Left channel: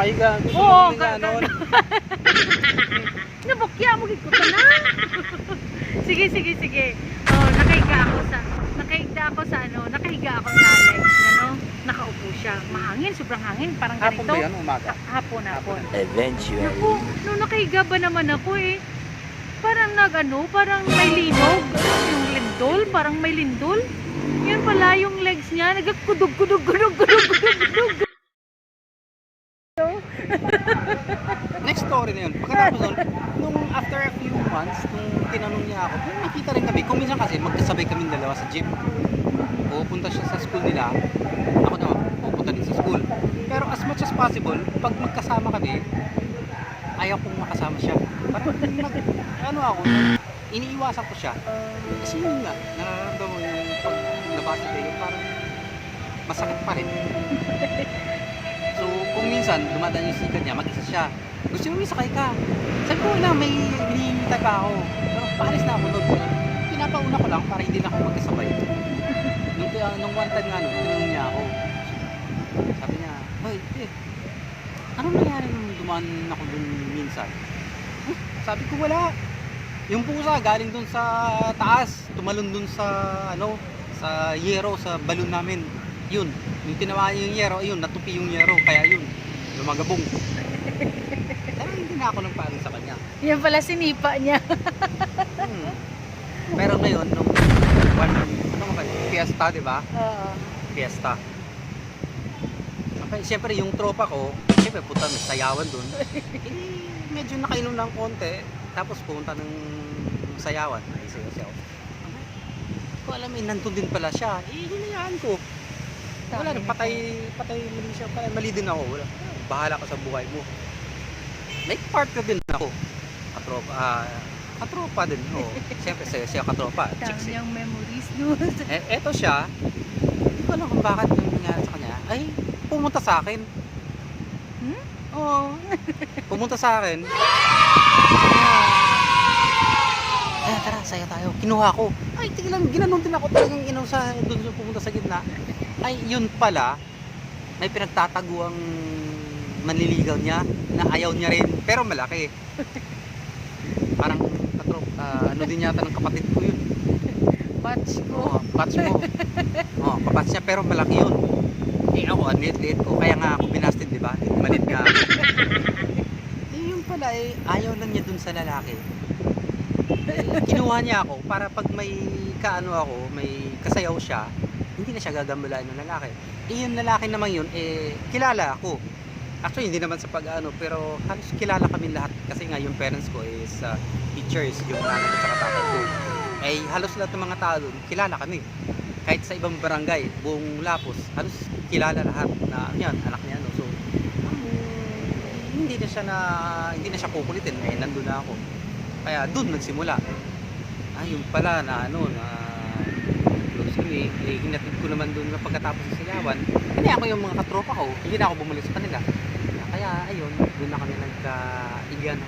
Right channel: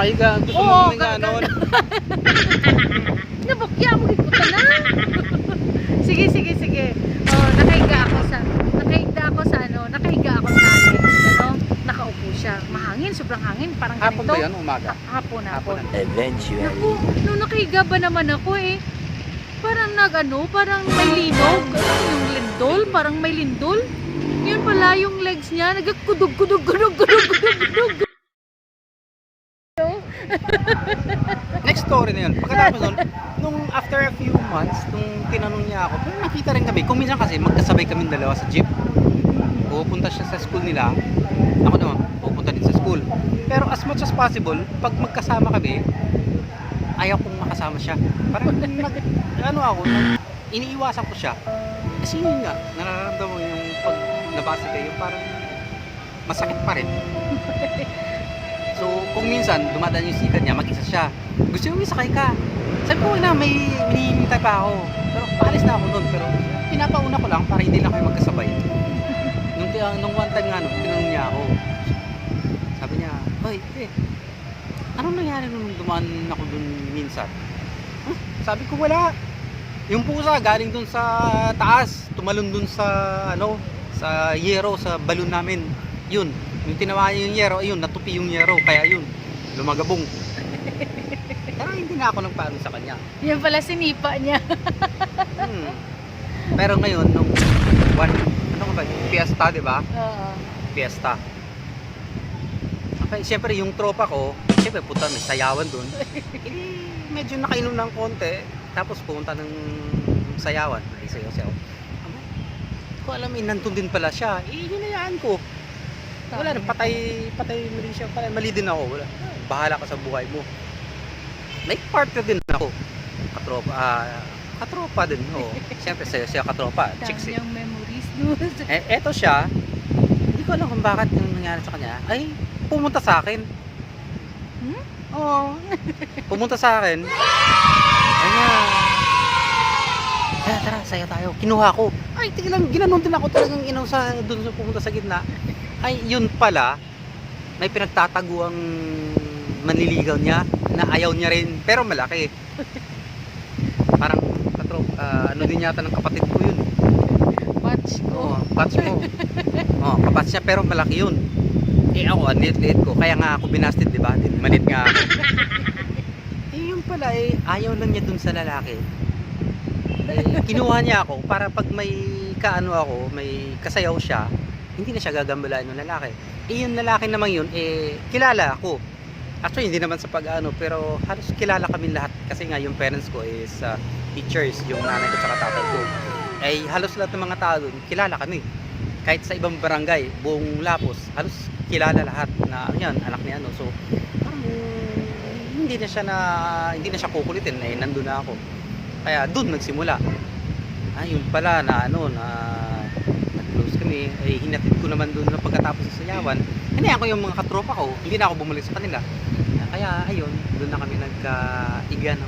nakahiga. Gusto Oo, mo nga noon. Nabakya mo gid ko na. Sige, sige, sige. Oh, nakahiga ako sa ano, nakaupo siya. Mahangin, sobrang hangin, parang Hapon ganito. ba yan? Umaga? Hapon. Eventually. Naku, nung nakahiga ba naman ako parang parang may linog. Yung lindol, parang may lindol. Yun pala yung legs niya, nagkudug. Next story na yun. Pagkatapos nun, nung after a few months, nung tinanong niya ako, kung nakita rin kami, kung minsan kasi magkasabay kami dalawa sa jeep. Pupunta siya sa school nila, ako naman, pupunta din sa school. Pero as much as possible, pag magkasama kami, ayaw kong makasama siya. Parang iniiwasan ko siya. Kasi yun nga, nararamdaman mo yung pag nabasa kayo, parang masakit pa rin. So, kung minsan, dumadaan yung sikat niya, mag-isa siya. Gusto mo sakay ka. Sabi ko na, may hinihintay pa ako. Pero paalis na ako doon. Pero pinapauna ko lang para hindi lang kayo magkasabay. Nung one time nga, tinanong niya ako. Sabi niya, "Hoy, anong nangyari nung dumaan ako doon minsan?" Sabi ko, wala. Yung pusa, galing doon sa taas. Tumalon doon sa, sa yero, sa balon namin. Yun. Yung tinamaan yung yero, ayun, natupi yung yero, kaya yun, lumagabong. Pero hindi na ako nagparo sa kanya. Yan pala sinipa niya. Pero ngayon, nung fiesta, di ba? Oo. Fiesta. Okay, siyempre yung tropa ko, siyempre punta ng sayawan dun. Medyo nakainom ng konti, tapos pumunta ng sayawan. Ay, sayaw-sayaw. Ko alam nandun din pala siya. Hinayaan ko. Wala rin, patay mali siya. Mali din ako. Wala. Bahala ka sa buhay mo. May partner din ako. Katropa din. Oh. Siyempre siya katropa. Chicks. Yung memories doon. Eto siya. Hindi ko alam kung bakit yung nangyari sa kanya. Ay, pumunta sa akin. Oo. Pumunta sa akin. Tara, saya tayo. Kinuha ko. Ay, tignan, ginanon din ako talagang doon sa pumunta sa gitna. Ay, yun pala, may pinagtataguang manliligaw niya na ayaw niya rin, pero malaki. Parang, din yata ng kapatid ko yun. Batch ko. Batch mo. Kabatch niya, pero malaki yun. Ako, ang liit-liit ko. Kaya nga ako binasted, di ba? Manit nga ako. Yun pala, ayaw lang niya dun sa lalaki. Kinuha niya ako para pag may may kasayaw siya, hindi na siya gagambalain ng lalaki. Yung lalaki naman yun, kilala ako. Actually, hindi naman sa pero halos kilala kami lahat. Kasi nga, yung parents ko is teachers, yung nanay ko sa tatay ko. Halos lahat ng mga tao doon, kilala kami. Kahit sa ibang barangay, buong Lapos, halos kilala lahat na yan, anak niya. So, hindi na siya kukulitin. Nandun na ako. Kaya doon nagsimula. Yun pala na close kami, hinapit ko naman doon na pagkatapos sa sayawan. Ako yung mga katropa ko, hindi na ako bumalik sa kanila. Kaya ayun, doon na kami nagka-igyan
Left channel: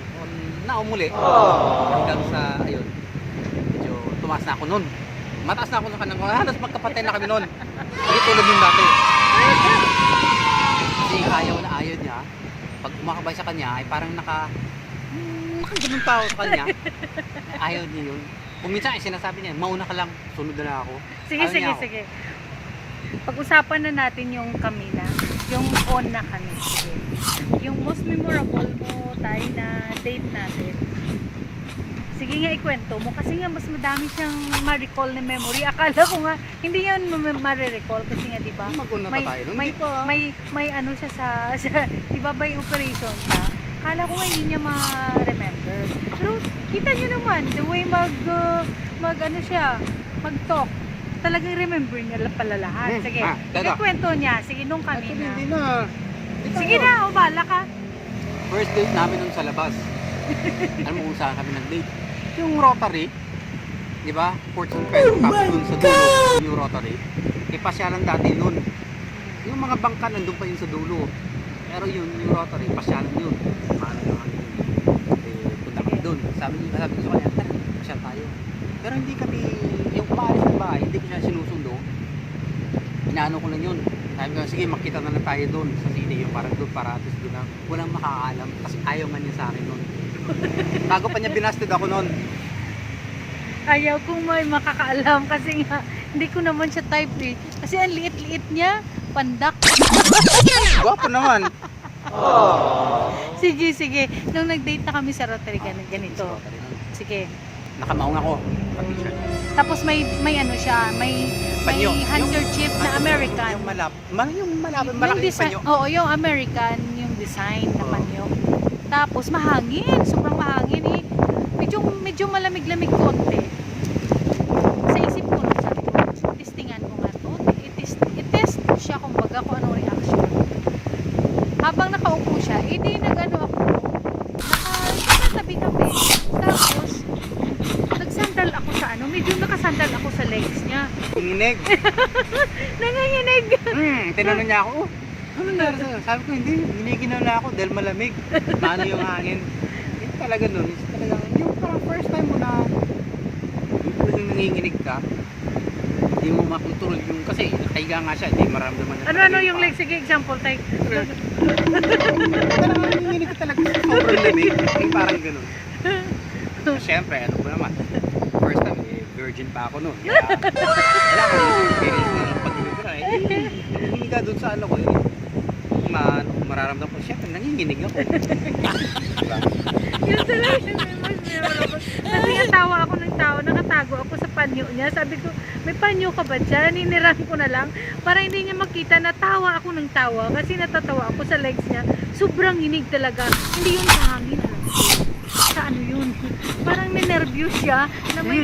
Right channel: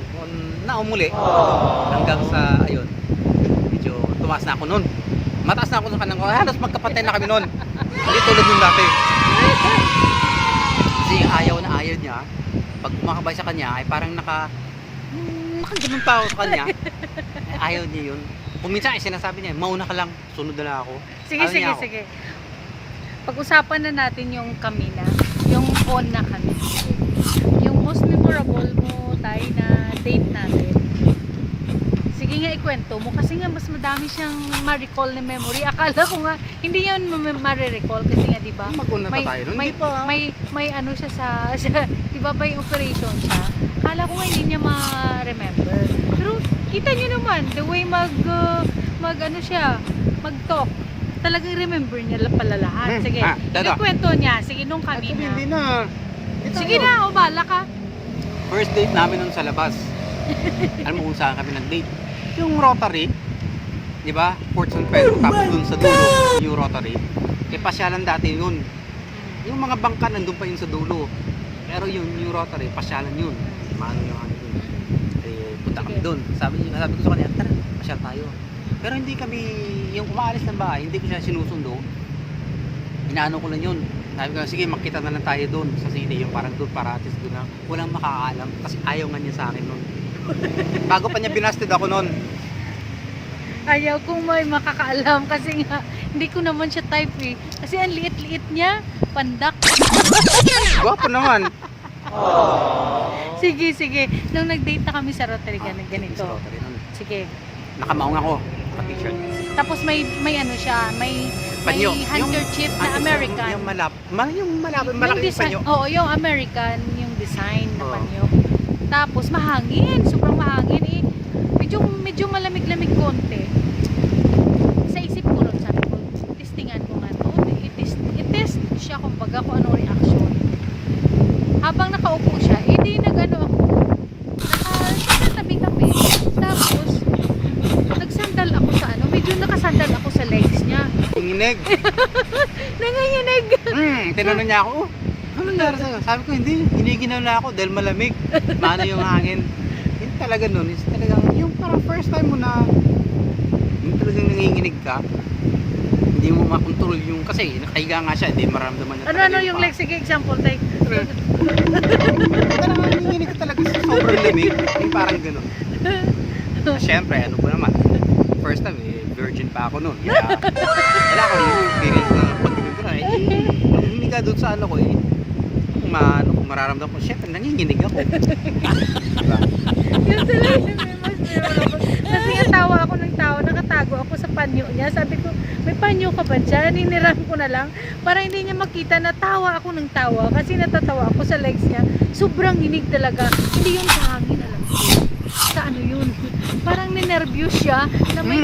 na umuli. Hanggang sa medyo tumaas na ako noon. Mataas na ako sa kanang halos magkapatay na kami noon. Hindi tulad nung dati. Kasi ayaw niya. Pag kumakabay sa kanya, ay parang nakaganong tao sa kanya. Ayaw niya yun. Kung minsan sinasabi niya, mauna ka lang, sunod na ako. Sige. Pag-usapan na natin yung kami na, yung on na kami. Yung most memorable mo tayo na date natin. Sige nga, ikwento mo kasi nga mas madami siyang ma-recall na memory. Akala ko nga hindi yan ma-recall kasi nga 'di ba? May ano siya sa 'di ba by operation siya. Akala ko nga hindi niya ma-remember. Pero kita niyo naman the way mag-talk. Talagang remember niya pala lahat. Sige, ikwento niya. Sige nung kami na. Hindi na. Sige na, bala ka. First date namin nun sa labas. Alam mo kung saan kami nag-date? Yung Rotary, di ba? 14 pesos tapos dun sa dulo, yung Rotary. Pasyalan dati yun. Yung mga bangka nandun pa yun sa dulo. Pero yung Rotary, pasyalan yun. Paano na kami yun? Punta kami dun. Sabi ko sa kanya, tara, pasyal tayo. Pero hindi kami, yung kumaalis ng bahay, hindi ko siya sinusundo. Inaano ko lang yun. Sabi ko, sige, makita na lang tayo doon sa city, yung parang doon para at least doon na walang makakaalam. Kasi ayaw nga niya sa akin noon. Bago pa niya binasted ako noon. Ayaw kong may makakaalam kasi nga hindi ko naman siya type eh. Kasi ang liit-liit niya, pandak. Gwapo naman. Sige, sige. Nung nag-date na kami sa Rotary, ganito. Sige. Nakamaong ako. Naka-t-shirt. Tapos may ano siya, may Panyo. handkerchief na American. Yung malapit, malaki yung panyo. Oo, yung American, yung design na Oo. panyo. Tapos mahangin, sobrang mahangin eh. Medyo malamig-lamig konti. Sa isip ko nun, sabi ko, testingan ko nga to. I-test siya kumbaga kung ano reaction. Habang nakaupo siya, di nag-ano ako. Nakatabi kami. Tapos, nagsandal ako sa ano, medyo nakasandal ako sa legs niya. Uminig. Nanganginig. Tinanong niya ako, ano nangyari sa'yo? Sabi ko, hindi. Giniginaw na ako dahil malamig. Paano yung hangin? Yung talaga nun, is talagang, yung parang first time mo na, yung talagang nanginginig ka, hindi mo makontrol yung, kasi nakahiga nga siya, hindi maramdaman niya Ano talaga yung paa. legs? Sige, example tayo. Talagang nanginginig ka talaga sa sobrang lamig. Yung parang ganun. Siyempre, ano ko naman, first time, virgin pa ako nun. Kaya, wala ko yung experience na pag-ibig ko. Pag humiga doon sa ano ko, mararamdaman ko, siyempre, nanginginig ako. Diba? Yun talaga yung mas memorable. Kasi nga tawa ako ng tao, nakatago ako sa panyo niya. Sabi ko, may panyo ka ba dyan? Niniram ko na lang para hindi niya makita na tawa ako ng tawa. Kasi natatawa ako sa legs niya. Sobrang hinig talaga. Hindi yung sa hangin, alam ko. Sa ano yun? Parang ninervyos siya na may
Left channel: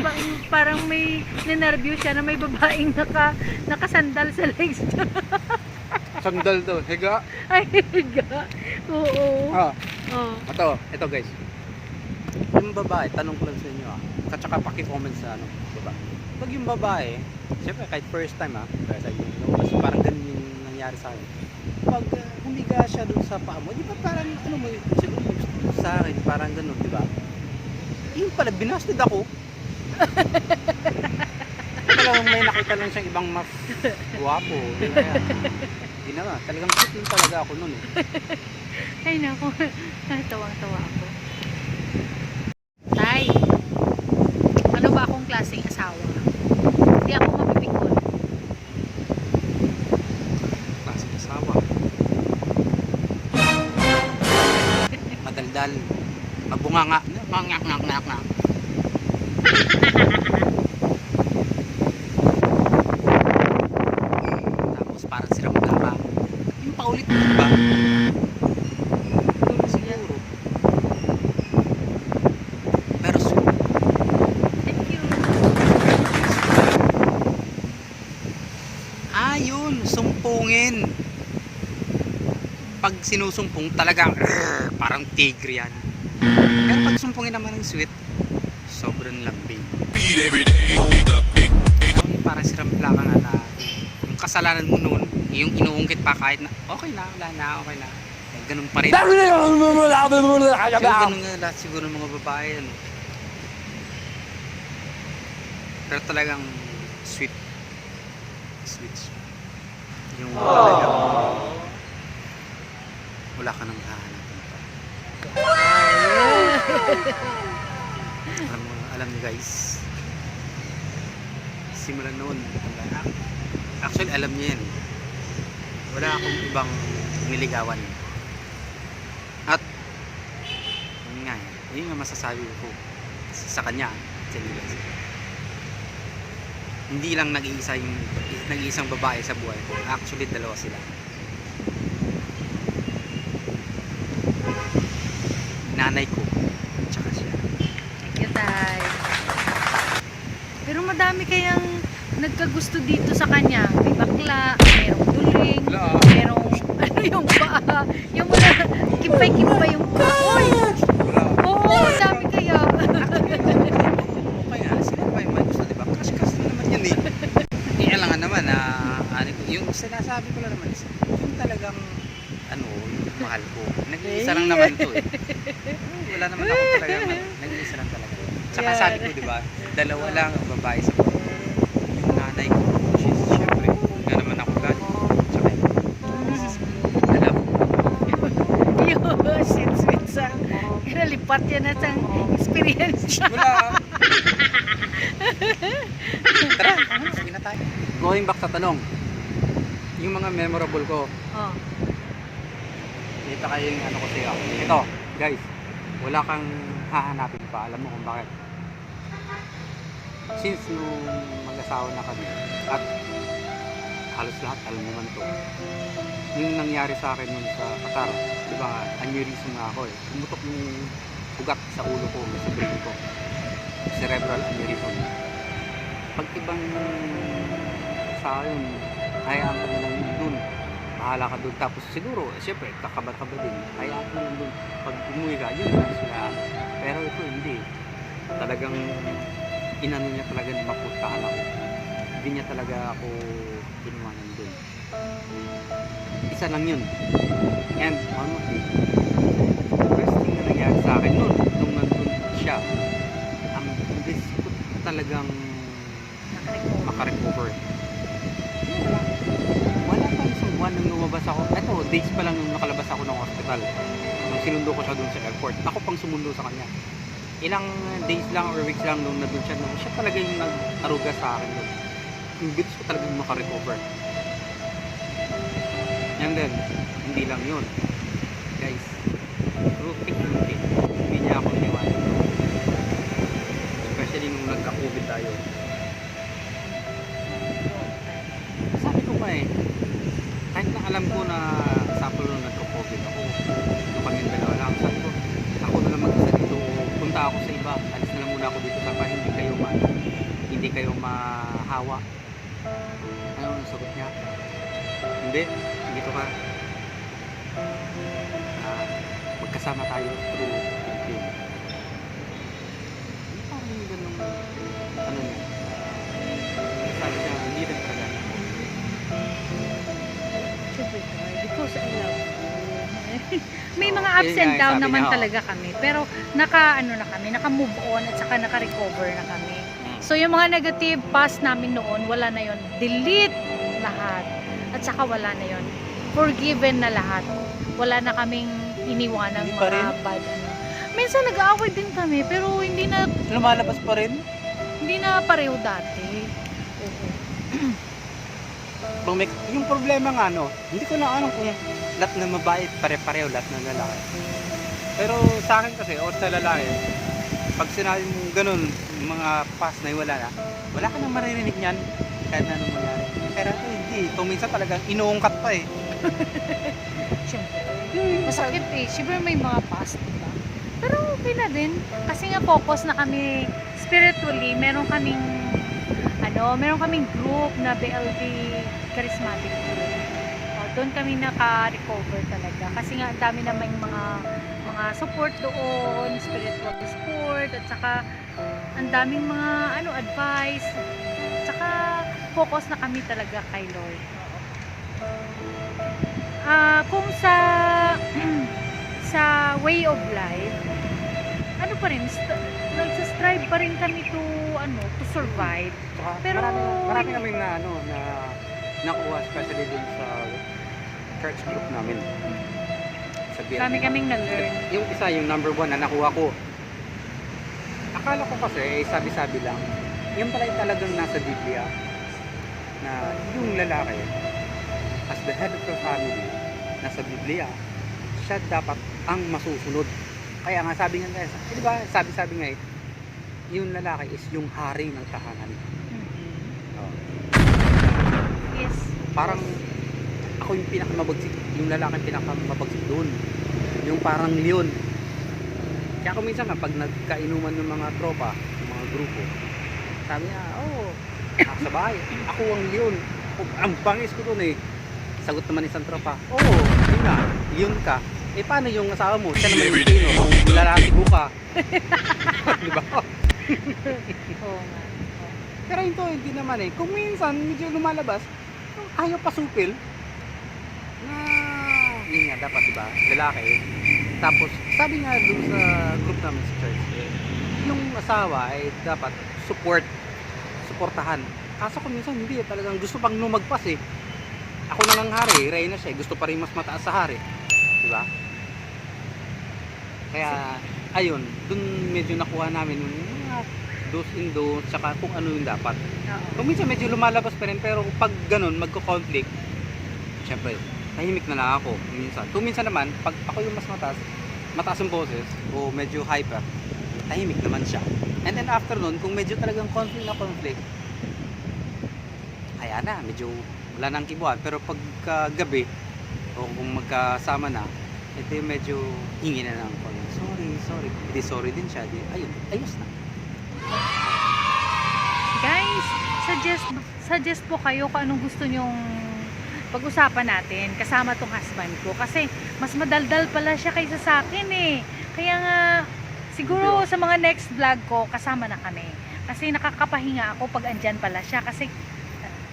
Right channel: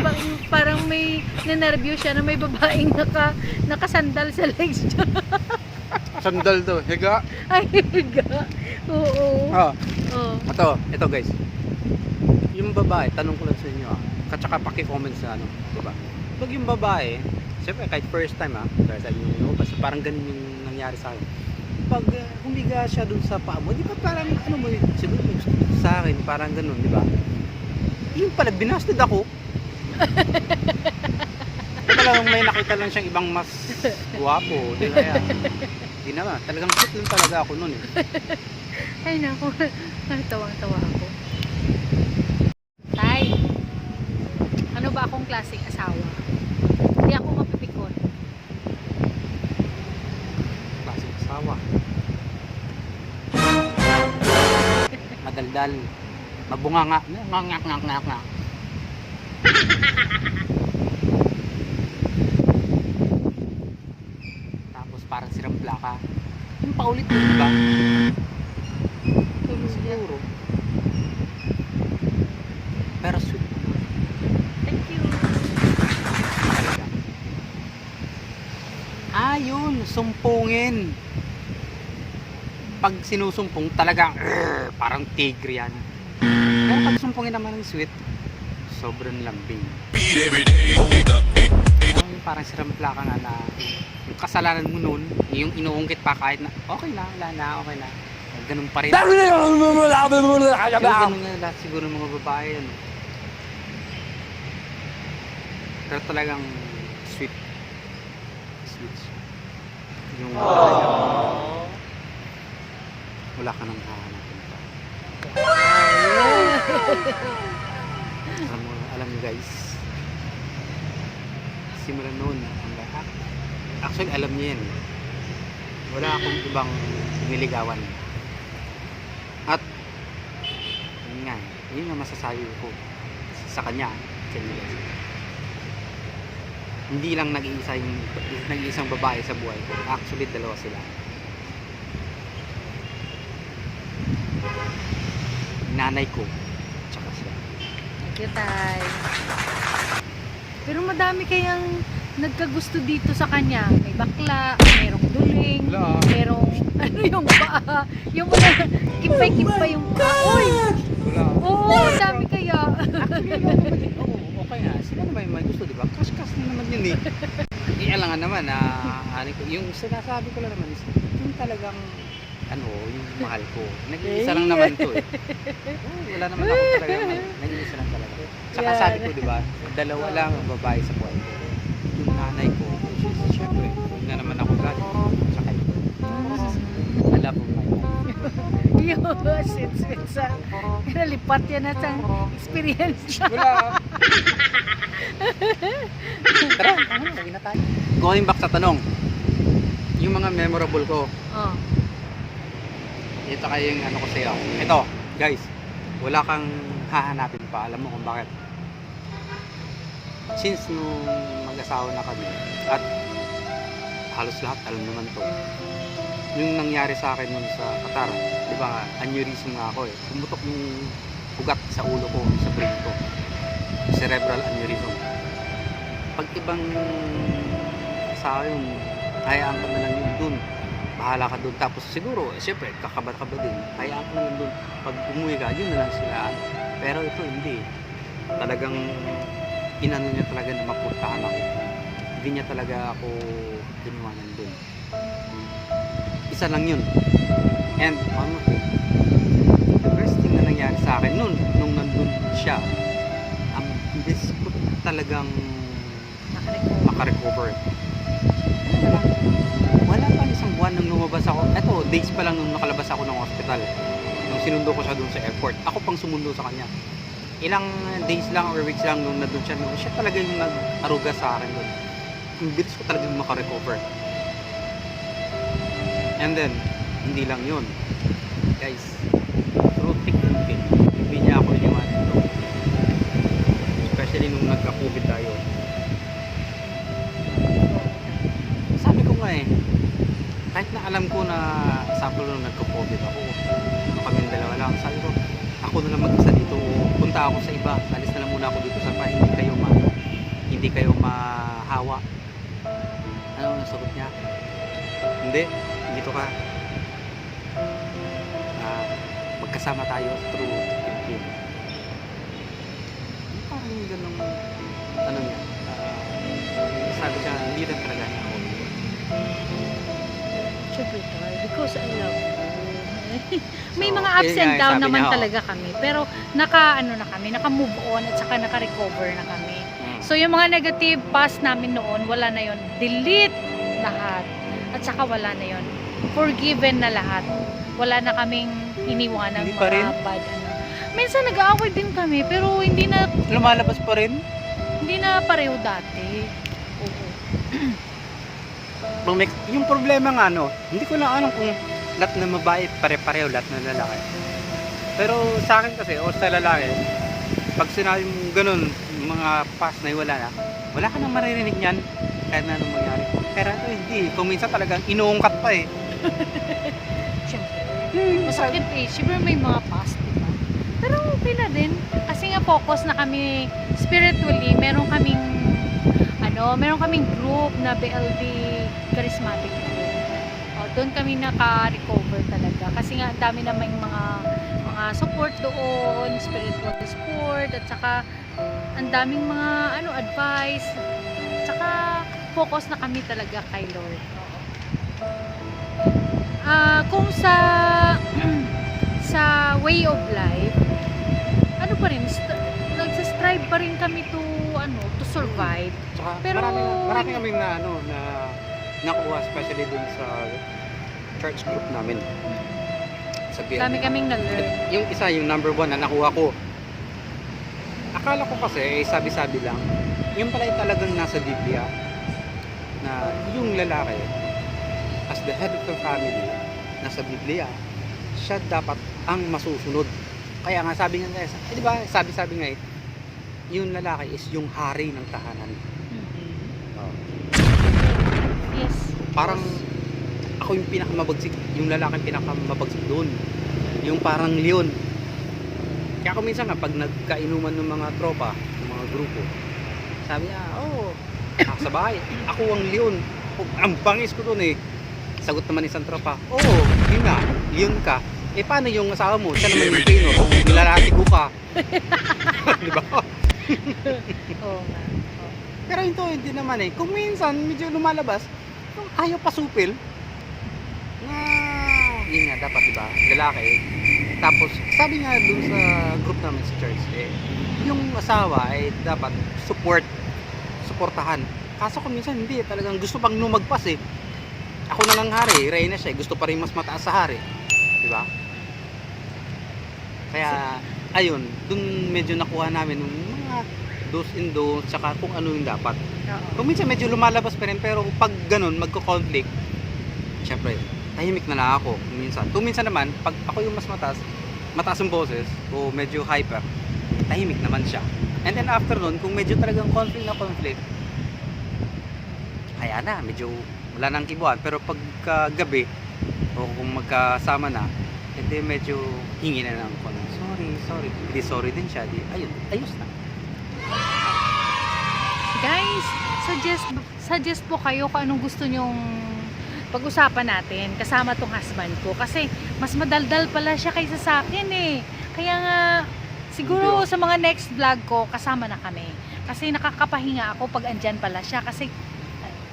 parang may ninervyos siya na may babaeng nakasandal sa legs niya. Sandal daw, higa. Ay, higa. Oo. Oh, Oo. ito guys. Yung babae, tanong ko lang sa inyo at saka paki-comment sa ano, baba. Pag yung babae, siyempre kahit first time first time yung basta parang ganun yung nangyari sa akin. Pag humiga siya dun sa paa mo, di ba parang ano mo, siguro sa akin, parang ganun, di ba? Yung pala, binasted ako. Talagang may nakita lang siyang ibang mas guwapo. Di ba yan? Hindi naman, talagang cute lang talaga ako nun eh. Ay naku, tawang-tawa ako. Tay, ano ba akong klaseng asawa? Hindi ako mapipikon. Klaseng asawa. Madaldal. Mabunganga. Ngak. Tapos parang siramda ka. Yung paulit mo ba? Siguro. Pero Thank you. yun, sumpungin. Pag sinusumpong talagang parang tigre yan. Pero pag sumpungin naman ng sweet, sobrang lambing. Parang siramla ka nga na yung kasalanan mo nun, yung inuungkit pa kahit na okay na, wala na, okay na. Eh, ganun pa rin. Ganun nga lahat siguro ng mga babae, ano. Pero talagang sweet. Yung talagang wala ka nang hahanapin pa. Alam niyo guys, simula noon, actually alam niyo yan. Wala akong ibang niligawan. At yun nga masasabi ko sa kanya, guys. Hindi lang nag-iisang babae sa buhay ko. Actually, dalawa sila. Nanay ko, tsaka siya. Thank you, Tay. Pero madami kayang nagkagusto dito sa kanya. May bakla, merong duling, Wala. merong ano yung paa, yung mga kimpay-kimpay yung paa. Uy! Wala. Oo, dami kaya. Okay nga, sila naman yung may gusto, diba? Cash na naman yun eh. Kaya lang nga naman, yung sinasabi ko lang naman is, yung talagang, yung mahal ko. Nag-iisa lang naman to eh. Wala naman ako talaga, nag-iisa lang talaga. Tsaka sabi ko, diba, dalawa lang ang babae sa buhay ko. Yung nanay ko, syempre, yun nga naman ako galing. Tsaka ito. Sweet sa nalipat yan na sa experience. Wala. Tara, sige na tayo. Going back sa tanong, yung mga memorable ko, Oh. ito kayo yung ano ko sa'yo. Ito, guys, wala kang hahanapin pa. Alam mo kung bakit? Since nung mag-asawa na kami, at halos lahat alam naman to, yung nangyari sa akin nun sa Qatar, di ba, aneurysm nga ako eh. Pumutok yung ugat sa ulo ko, sa brain ko. Cerebral aneurysm. Pag ibang sa akin, hayaan ka na lang yun dun. Bahala ka dun. Tapos siguro, siyempre, kakaba-kaba din. Hayaan ka na lang dun. Pag umuwi ka, yun na lang sila. Pero ito hindi. Talagang inano niya talaga na mapuntahan ako. Hindi niya talaga ako tiniwanan dun. Isa lang yun. And one more thing, the worst thing na nangyari sa akin nun, nung nandun siya, ang bilis ko talagang makarecover. Wala pa isang buwan nang lumabas ako. Eto, days pa lang nung nakalabas ako ng hospital. Nung sinundo ko siya doon sa airport. Ako pang sumundo sa kanya. Ilang days lang or weeks lang nung nandun siya. Nung siya talaga yung nag-aruga sa akin doon. Yung bilis ko talagang makarecover. And then, hindi lang yun. Guys, through thick and thin, hindi niya ako iniwanan doon. Especially nung nagka-COVID tayo. Sabi ko nga eh, kahit na alam ko na sample nung nagka-COVID ako, nung kaming dalawa lang, sabi ko, ako na lang mag-isa dito, punta ako sa iba, alis na lang muna ako dito sa pa, hindi kayo mahawa. Ano ang sagot niya? Hindi, dito ka. Magkasama tayo through Philippines. Parang yung ganun, ano niya, sabi ka, hindi rin talaga niya ako. Siyempre tayo, because I love you. May So, mga ups yun and nga, down sabi naman niya, talaga kami. Pero naka-move on at saka naka-recover na kami. So yung mga negative past namin noon, wala na yon. Delete lahat. At saka wala na yon. Forgiven na lahat. Wala na kaming iniwanang Hindi pa rin? mga bad ano. Minsan nag-aaway din kami, pero hindi na Lumalabas pa rin? pareho dati. Oo. Yung problema nga no, hindi ko na alam kung lahat na mabait, pare-pareho, lahat na lalaki. Pero sa akin kasi, o sa lalaki, pag sinabi mo ganun, yung mga past na wala ka nang maririnig niyan, kahit na anong mangyari. Pero hindi, kung minsan talagang inuungkat pa eh. Siyempre. Masakit eh. Siyempre may mga past, diba? Pero okay na din. Kasi nga focus na kami spiritually. Meron kaming group na BLD Charismatic Group. Doon kami naka-recover talaga. Kasi nga ang dami namang mga support doon, spiritual support, at saka ang daming mga advice. Tsaka focus na kami talaga kay Lord. Kung sa way of life, ano pa rin, nagsastrive pa rin kami to survive. Saka Pero marami kami na nakuha, especially din sa church group namin. Sa BLD. dami kaming na-learn. Yung isa, yung number 1 na nakuha ko. Akala ko kasi, sabi-sabi lang. Yung pala talagang nasa Biblia na yung lalaki as the head of the family nasa Biblia, siya dapat ang masusunod. Kaya nga sabi nga guys, di ba? Sabi nga yung lalaki is yung hari ng tahanan. Oh. Yes. Parang ako yung pinakamabagsik, yung lalaki pinakamabagsik doon. Yung parang leon. Kaya ako minsan nga pag nagkainuman ng mga tropa, ng mga grupo, sabi niya, sa bahay, ako ang leon. Ang bangis ko doon eh. Sagot naman isang tropa, yun nga, leon ka. Eh paano yung asawa mo? Siya naman yung kino, kung nilalatigo ka. Di ba? Oo nga. Pero ito hindi naman eh. Kung minsan medyo lumalabas, ayaw pasupil. Yun nga dapat diba? Lalaki. Tapos sabi nga dun sa group namin sa church, yung asawa ay dapat suportahan. Kaso kung minsan hindi, talagang gusto pang lumagpas eh. Ako na lang hari, reyna siya, gusto pa rin mas mataas sa hari. Diba? Kaya, ayun, dun medyo nakuha namin yung mga do's and don'ts, tsaka kung ano yung dapat. Oo. Kung minsan medyo lumalabas pa rin, pero pag ganun, magko-conflict, syempre, tahimik na lang ako minsan. Kung minsan naman, pag ako yung mas mataas ang boses, o medyo hyper, tahimik naman siya. And then after nun, kung medyo talagang conflict, ayan na, medyo wala nang kibuan. Pero pagka gabi, o kung magkasama na, edi medyo hingi na lang ako. Sorry. Hindi sorry din siya. Di, ayun, ayos na. Guys, suggest po kayo kung anong gusto nyong pag-usapan natin kasama tong husband ko. Kasi mas madaldal pala siya kaysa sa akin eh. Kaya nga, siguro sa mga next vlog ko, kasama na kami. Kasi nakakapahinga ako pag andyan pala siya. Kasi,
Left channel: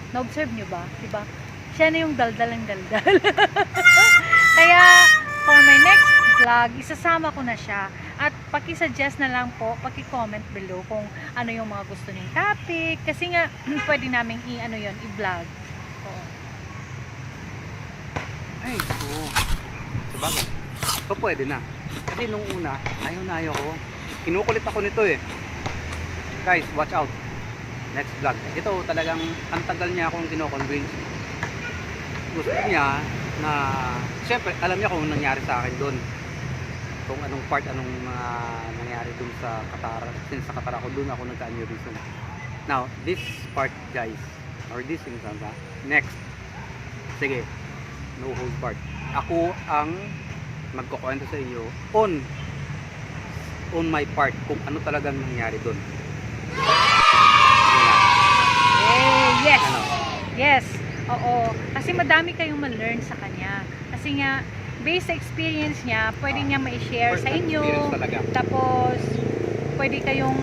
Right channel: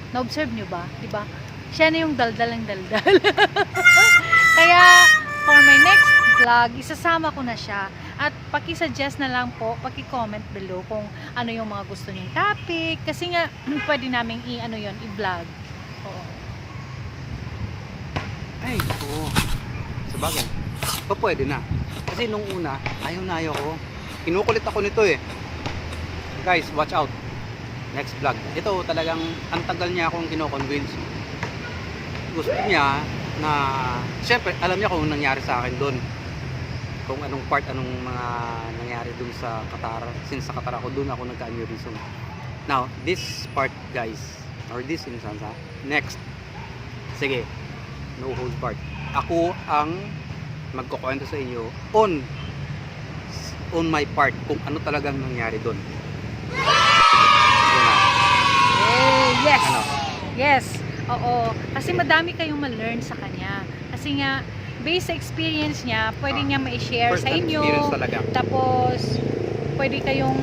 na-observe nyo ba? Diba? Siya na yung daldal ng daldal. Kaya, for my next vlog, isasama ko na siya. At paki-suggest na lang po, paki-comment below kung ano yung mga gusto niyong topic. Kasi nga, pwede naming i-vlog. Oo. Ay, oo. Sabagay. So, pwede na. Kasi nung una, ayaw ko. Kinukulit ako nito eh. Guys, watch out. Next vlog. Ito talagang, ang tagal niya akong kinoconvince. Gusto niya na, siyempre, alam niya kung nangyari sa akin doon. Kung anong part, anong mga nangyari doon sa Qatar. Since sa Qatar ako, doon ako nagka-aneurysm. Now, this part guys, or this instance ha, next. Sige, no hold part. Ako ang magkukwento sa inyo on my part kung ano talagang nangyari doon. Yes! Ano? Yes! Oo. Kasi madami kayong ma-learn sa kanya. Kasi nga, based sa experience niya, pwede niya ma-share sa inyo. Tapos, pwede kayong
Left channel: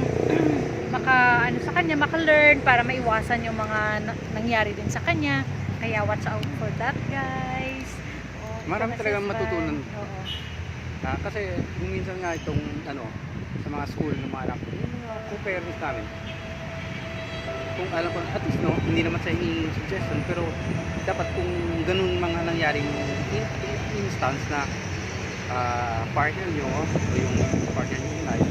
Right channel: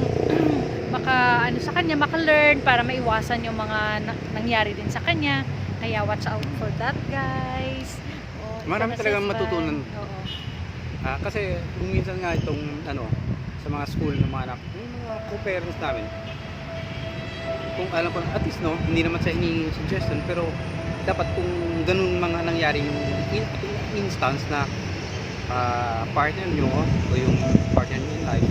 sa kanya maka-learn para maiwasan yung mga nangyari din sa kanya. Kaya watch out for that, guys. Marami talagang matutunan. Oo. Kasi kung minsan nga itong sa mga school ng mga anak, yung mga co-parents namin, kung alam ko, at least hindi naman sa ini suggestion, pero dapat kung ganun mga nangyaring instance na partner nyo o yung partner nyo in life,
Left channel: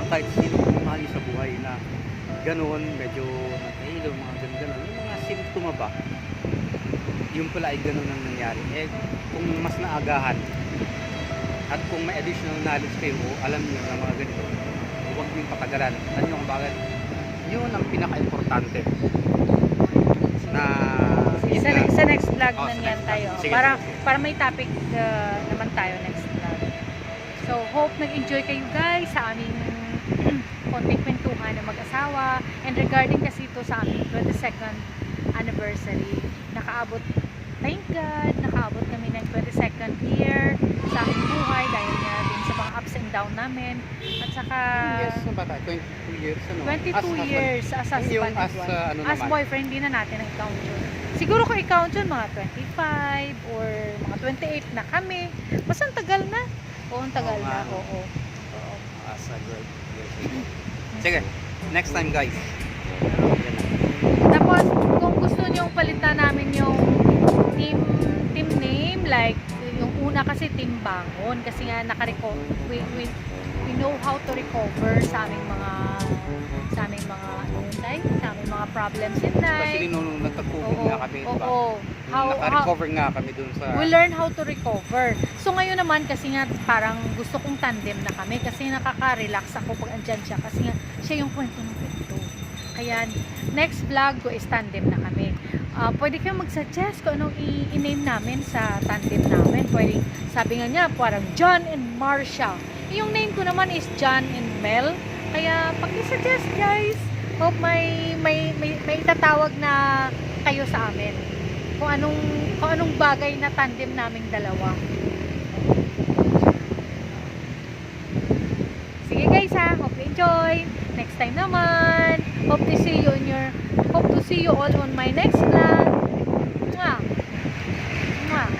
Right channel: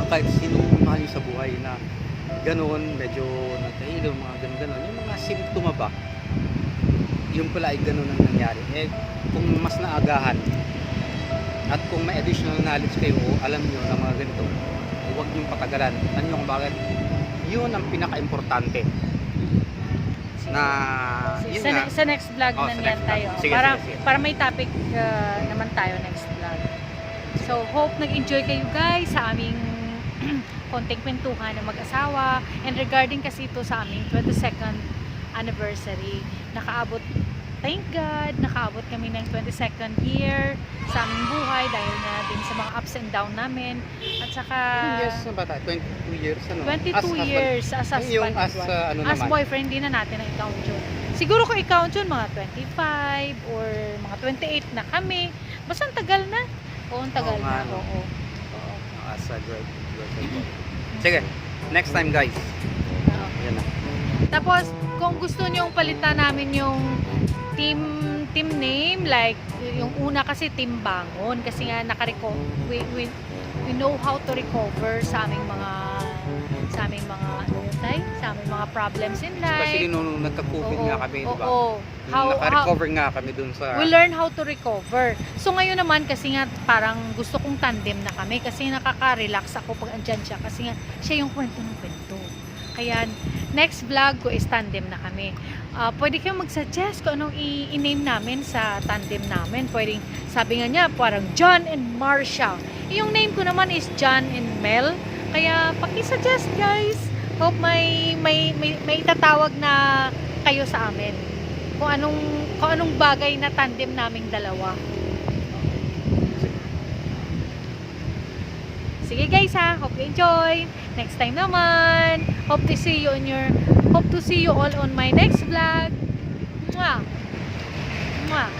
ang kahit sino mahal nyo sa buhay na ganun, medyo nagkahilo, mga ganun, yung mga simptoma ba, yung pala ay ganun ang nangyari. Eh, kung mas naagahan at kung may additional knowledge kayo o alam nyo na mga ganito, huwag nyo patagalan. Ano yung bakit? Yun ang pinaka-importante na sa next vlog na yan tayo. Sige. Para may topic naman tayo next vlog. So, hope nag-enjoy kayo guys sa aming konting kwentuhan ng mag-asawa. And regarding kasi ito sa aming 22nd anniversary, thank God, nakaabot kami ng 22nd year sa aming buhay dahil nga din sa mga ups and down namin. At saka 22 years 22 years as husband and wife. As boyfriend, hindi na natin ang i-count yun. Siguro kung i-count yun, mga 25 or mga 28 na kami. Basta ang tagal na. Oo, ang tagal na. Oo. As a great. Sige, next time guys. Yan na. Tapos, kung gusto nyong palitan namin yung team name, like yung una kasi Team Bangon, kasi nga we know how to recover sa aming mga mga problems in life. Especially nung nagka-COVID nga kami, diba? Naka-recover nga kami dun sa... We learn how to recover. So ngayon naman, kasi nga parang gusto kong tandem na kami, kasi nakaka-relax ako pag andyan siya, kasi nga siya yung kwento ng kwento. Kaya next vlog ko is tandem na kami. Pwede kayong mag-suggest kung anong i-name namin sa tandem namin. Pwede, sabi nga niya, parang John and Marcia. Yung name ko naman is John and Mel. Kaya paki-suggest guys. Hope may itatawag na kayo sa amin. Kung anong bagay na tandem naming dalawa. Sige guys ha, hope you enjoy. Next time naman, hope to see you all on my next vlog. Mwah! Mwah!